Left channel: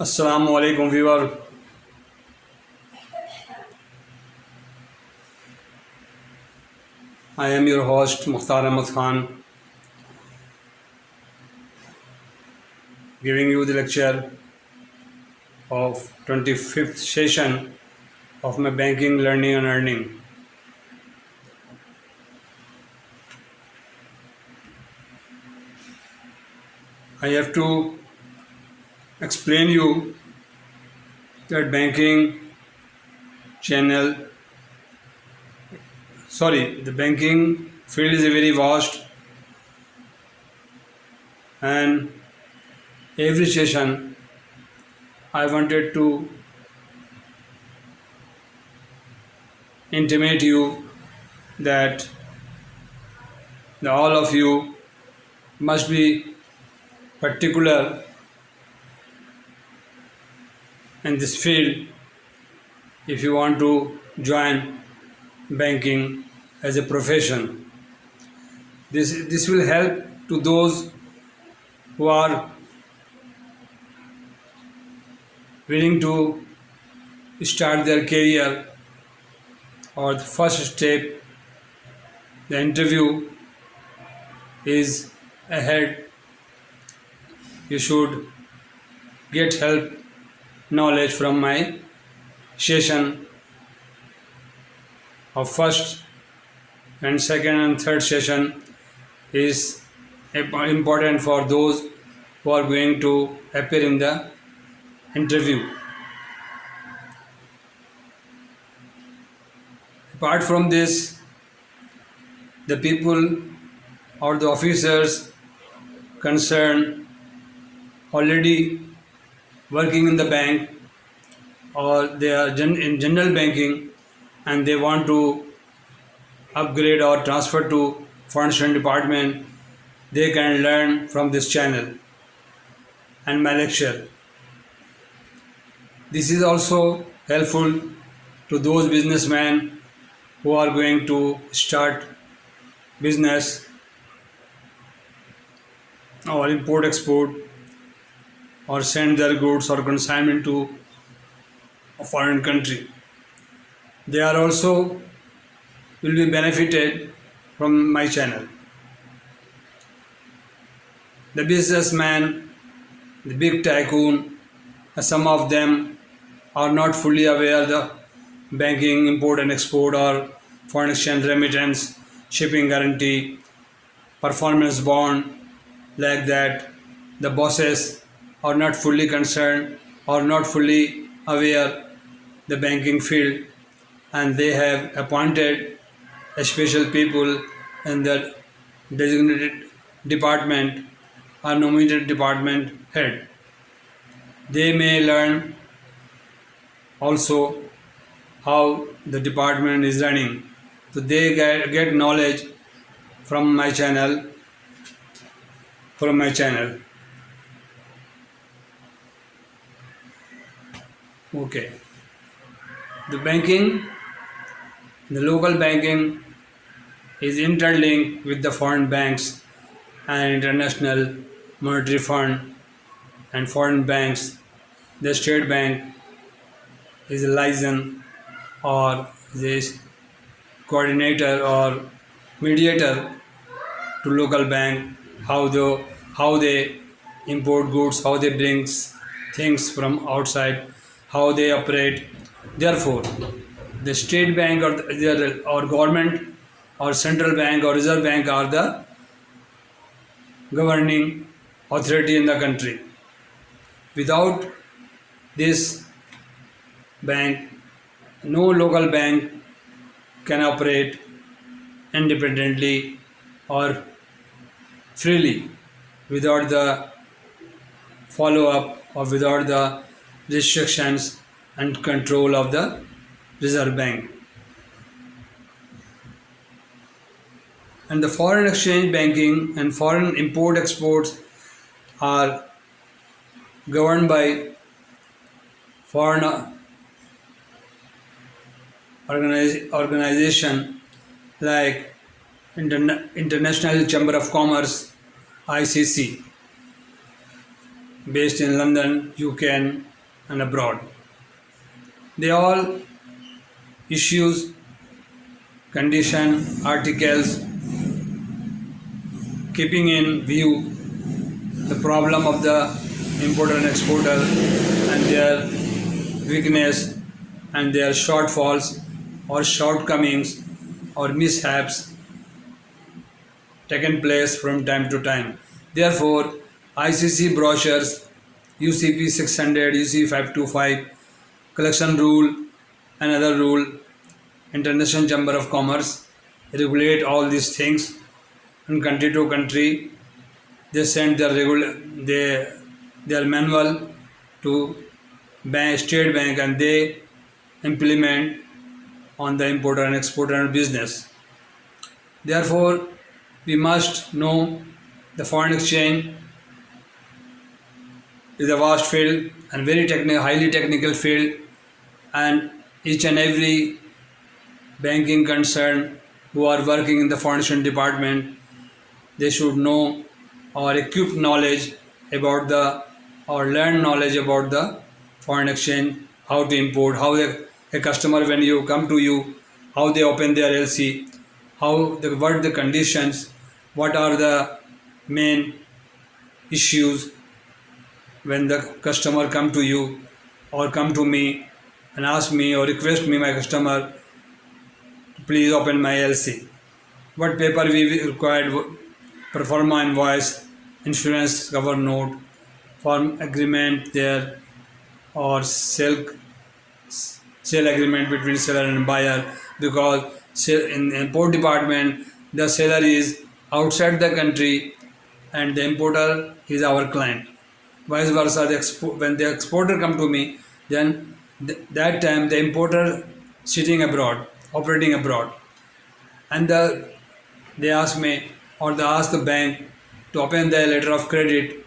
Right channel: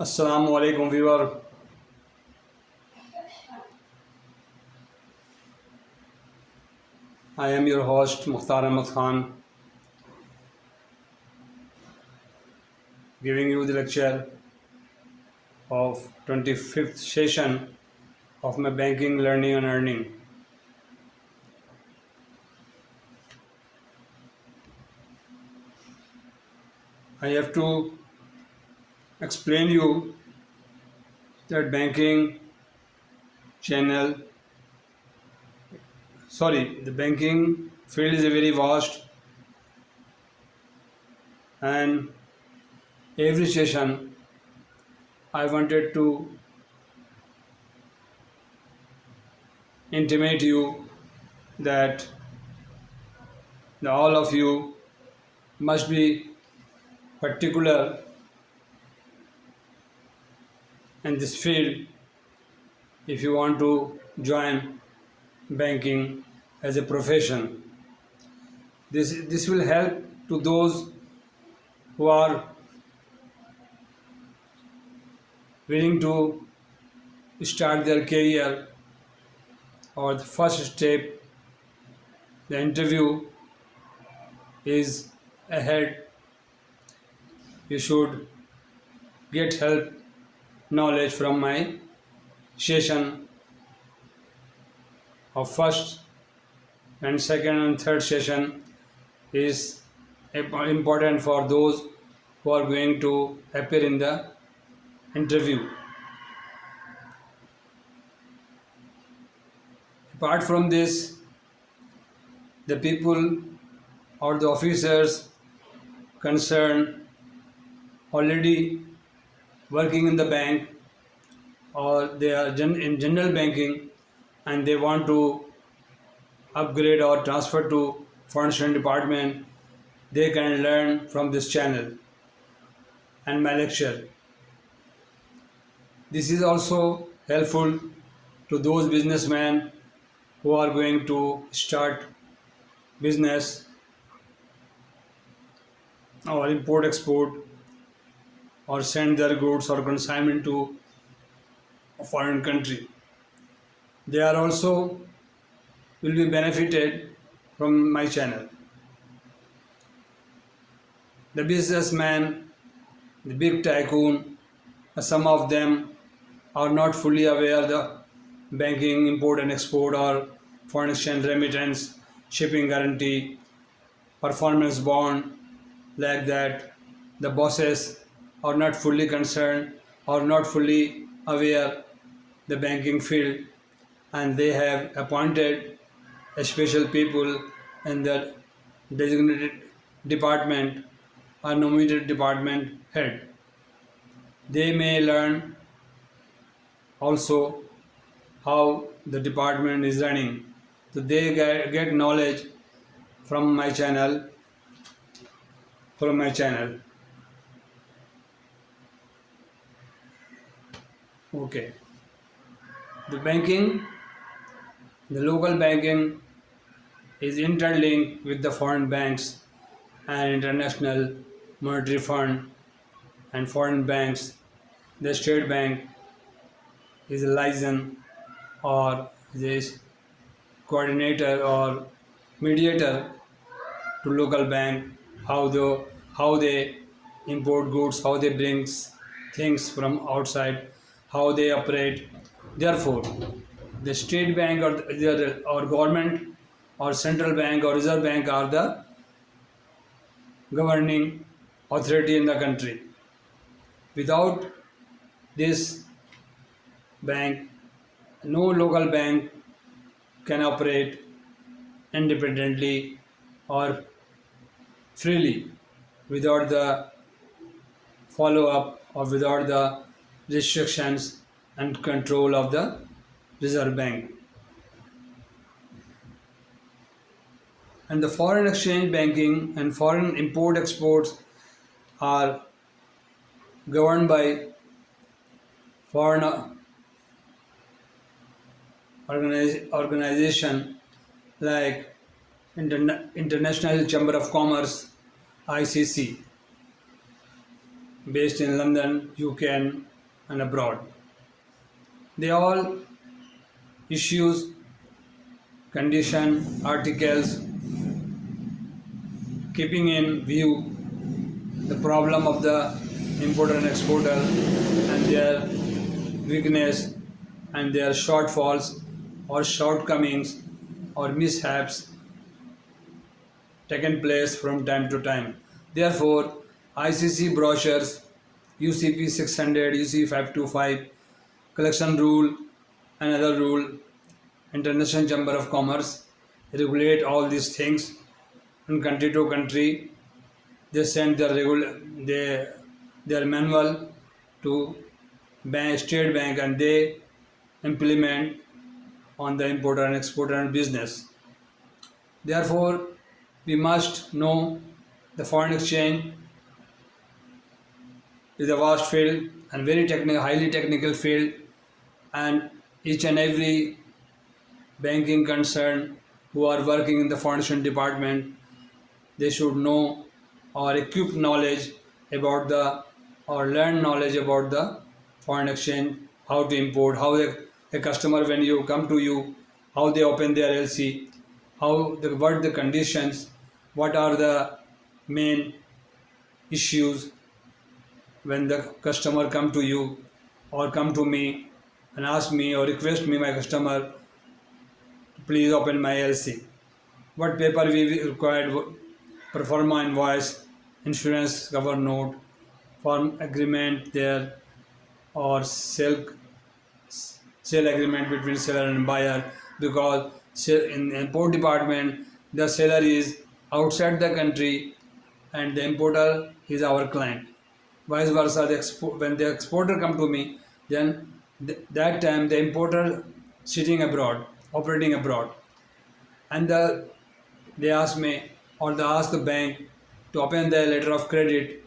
Assalamu alaikum viewer. I am your host Mukhtar Ahmed Khan, giving you the lecture of 25th session of my banking learning and earning. I have to explain you that the banking field is very vast, and every session I wanted to intimate you that all of you must be particular in this field if you want to join banking as a profession. This will help to those who are willing to start their career, or the first step, the interview is ahead. You should get help, knowledge from my session of first and second and third session is important for those who are going to appear in the interview. Apart from this, the people or the officers concerned already working in the bank, or they are in general banking and they want to upgrade or transfer to foreign department, they can learn from this channel and my lecture. This is also helpful to those businessmen who are going to start business or import export or send their goods or consignment to a foreign country. They are also will be benefited from my channel. The businessman, the big tycoon, some of them are not fully aware of the banking, import and export, or foreign exchange remittance, shipping guarantee, performance bond, like that. The bosses are not fully concerned or not fully aware the banking field, and they have appointed a special people in the designated department or nominated department head. They may learn also how the department is running. So they get knowledge from my channel. Okay. The local banking is interlinked with the foreign banks and international monetary fund and foreign banks. The state bank is a liaison or this coordinator or mediator to local bank, how they import goods, how they bring things from outside, how they operate. Therefore, the state bank or government or central bank or reserve bank are the governing authority in the country. Without this bank, no local bank can operate independently or freely without the follow-up or without the restrictions and control of the Reserve Bank. And the foreign exchange banking and foreign import exports are governed by foreign organization like International Chamber of Commerce, ICC, based in London, UK, and and abroad. They all issues, condition, articles, keeping in view the problem of the importer and exporter and their weakness and their shortfalls or shortcomings or mishaps taken place from time to time. Therefore, ICC brochures, UCP 600, UCP 525, collection rule, another rule, International Chamber of Commerce regulate all these things, and country to country they send their manual to State Bank, and they implement on the importer and exporter business. Therefore, we must know the foreign exchange is a vast field and very highly technical field, and each and every banking concern who are working in the foreign exchange department, they should know or equip knowledge about the or learn knowledge about the foreign exchange, how to import, how a customer when you come to you, how they open their LC, what the conditions, what are the main issues when the customer come to you or come to me and ask me or request me, my customer, please open my LC. What paper we required, pro forma invoice, insurance cover note, firm agreement there, or sale agreement between seller and buyer, because in import department the seller is outside the country and the importer is our client. Vice versa, when the exporter come to me, then that time the importer sitting abroad, operating abroad, and they ask me or they ask the bank to open the letter of credit,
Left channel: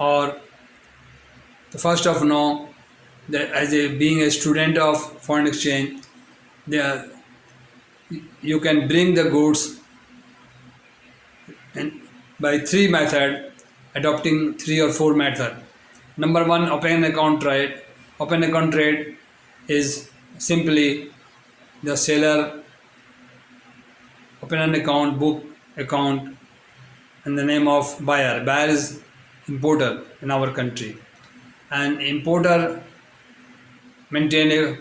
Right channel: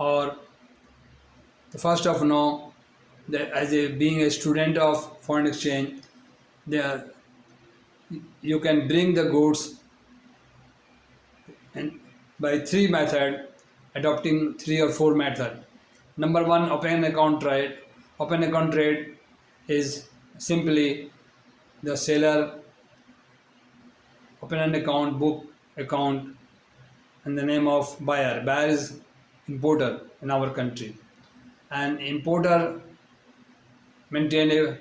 or the first of all, being a student of foreign exchange, you can bring the goods and by three method, adopting 3 or 4 method. Number one, open account trade. Open account trade is simply the seller open an account, book account in the name of buyer. Buyer is importer in our country, and importer maintain a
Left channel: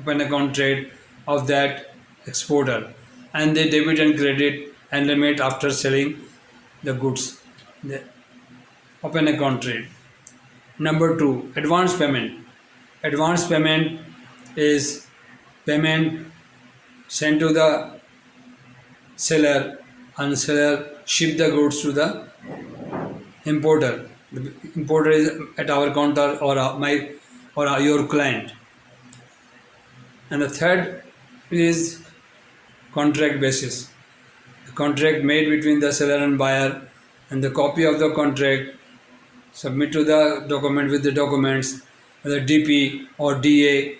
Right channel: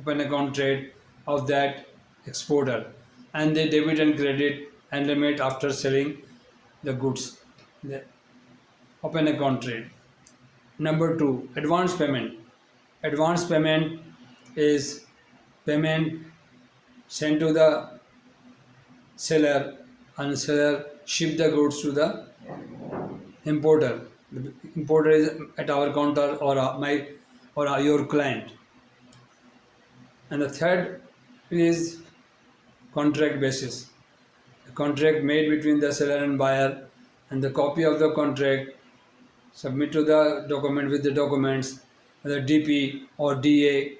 open account trade of that exporter, and they debit and credit and limit after selling the goods. The open account trade. Number two, advance payment. Advance payment is payment sent to the seller, and seller ship the goods to the importer. The importer is at our counter or your client. And the third is contract basis. The contract made between the seller and buyer, and the copy of the contract submit to the document with the documents, the DP or DA,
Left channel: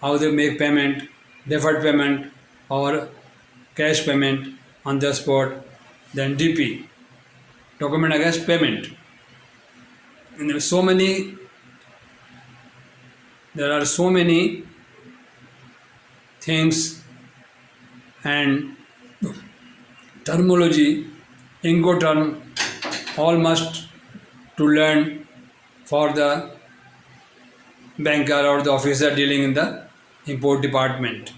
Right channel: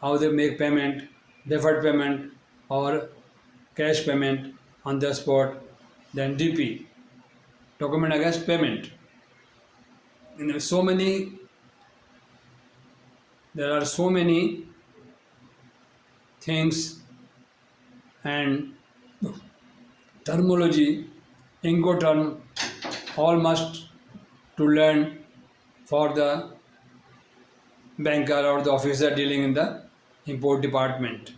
how they make payment, deferred payment or cash payment on the spot, then DP, document against payment. And there are so many things and terminology, Incoterm, all must to learn for the banker or the officer dealing in the import department.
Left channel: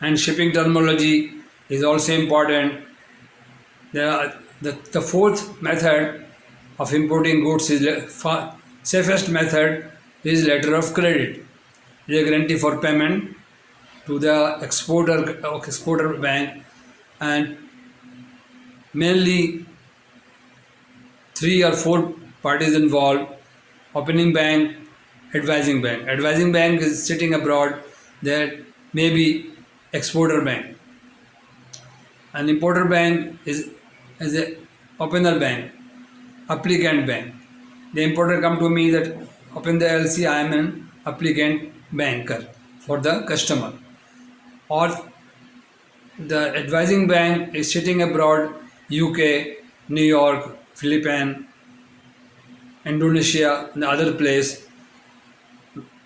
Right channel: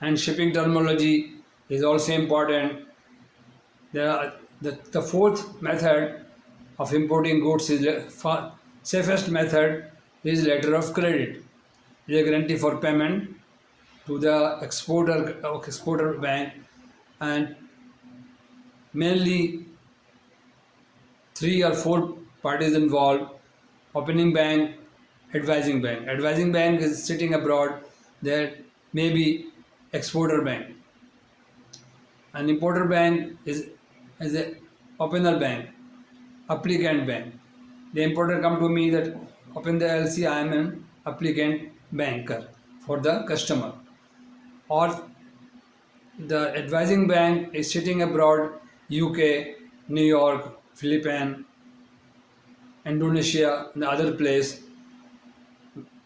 And shipping terminology is also important. The fourth method of importing goods is safest method is letter of credit. It is a guarantee for payment to the exporter bank, and mainly 3 or 4 parties involved: opening bank, advising bank. Advising bank is sitting abroad, that may be exporter bank. An importer bank is a opener bank, applicant bank. The importer come to me that open the LC, I am an applicant banker for the customer. Or the advising bank is sitting abroad, UK, New York, Philippines, Indonesia, and other place,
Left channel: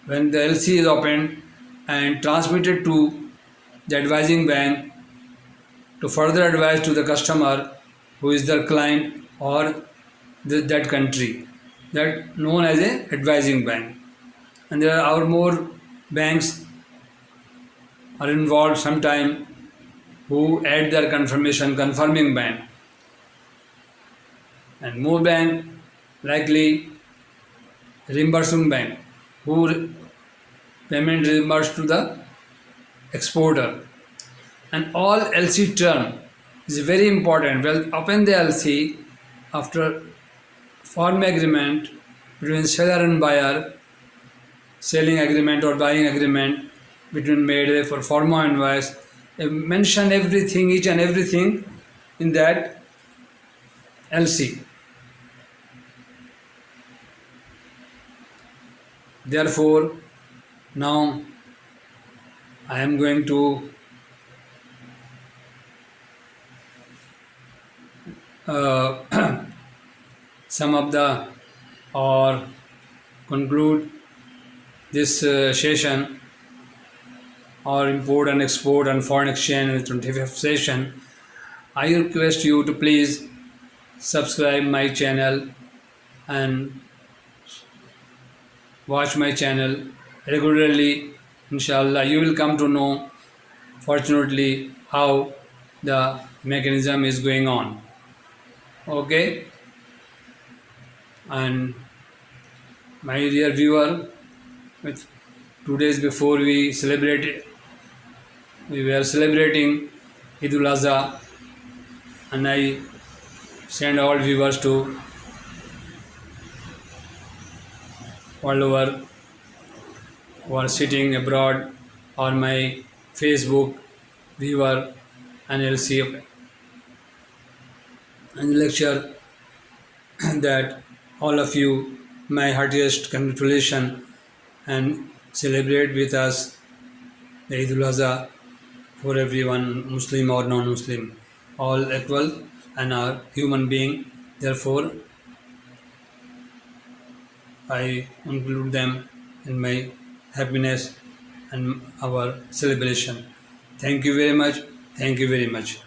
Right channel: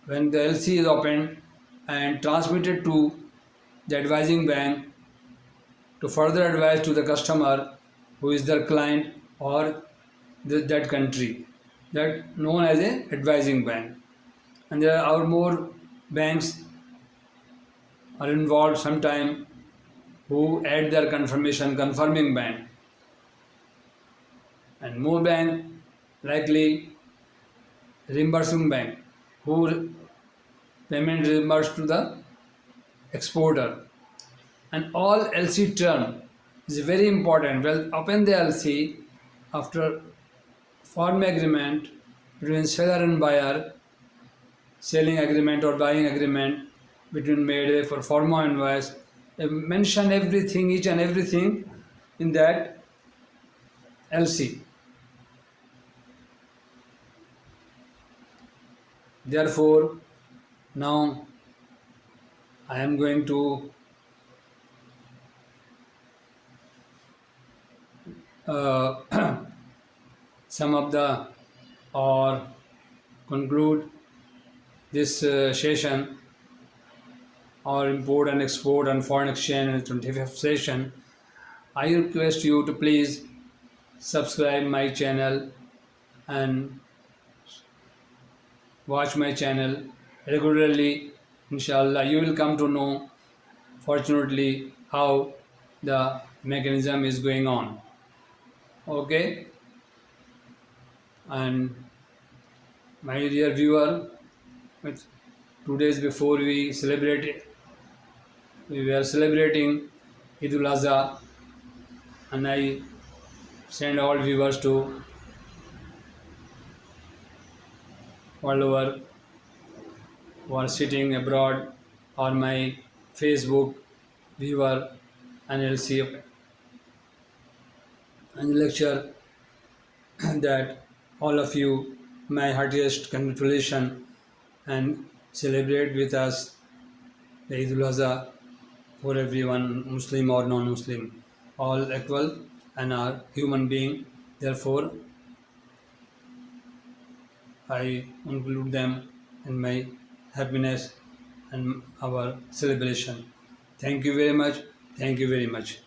when the LC is opened and transmitted to the advising bank to further advise to the customer who is the client or that country, that known as a advising bank. And there are more banks are involved sometime who add their confirmation confirming bank, and more bank likely reimbursing bank who payment reimbursed to the exporter. And all LC term is very important. Well, open the LC after form agreement between seller and buyer, selling agreement or buying agreement between made for forma invoice. Mention everything, each and everything in that LC. Therefore, now I am going to sum up the or conclude this session or import and export and foreign exchange in the 25th session. I request you to please subscribe my channel and watch my channel regularly. Inshallah, you will come to know fortunately how the mechanism is going on. Okay, and my dear viewer, with 2 days before we were celebrating Eid al-Azha, and I send all viewers to all over who are sitting abroad or my Facebook viewer and LC and lecture that all of you my heartiest congratulations and celebrate with us the Eid al-Azha for everyone, Muslim or non-Muslim, all equal and are human being. Therefore, I include them in my happiness and our celebration. Thank you very much. Thank you very much.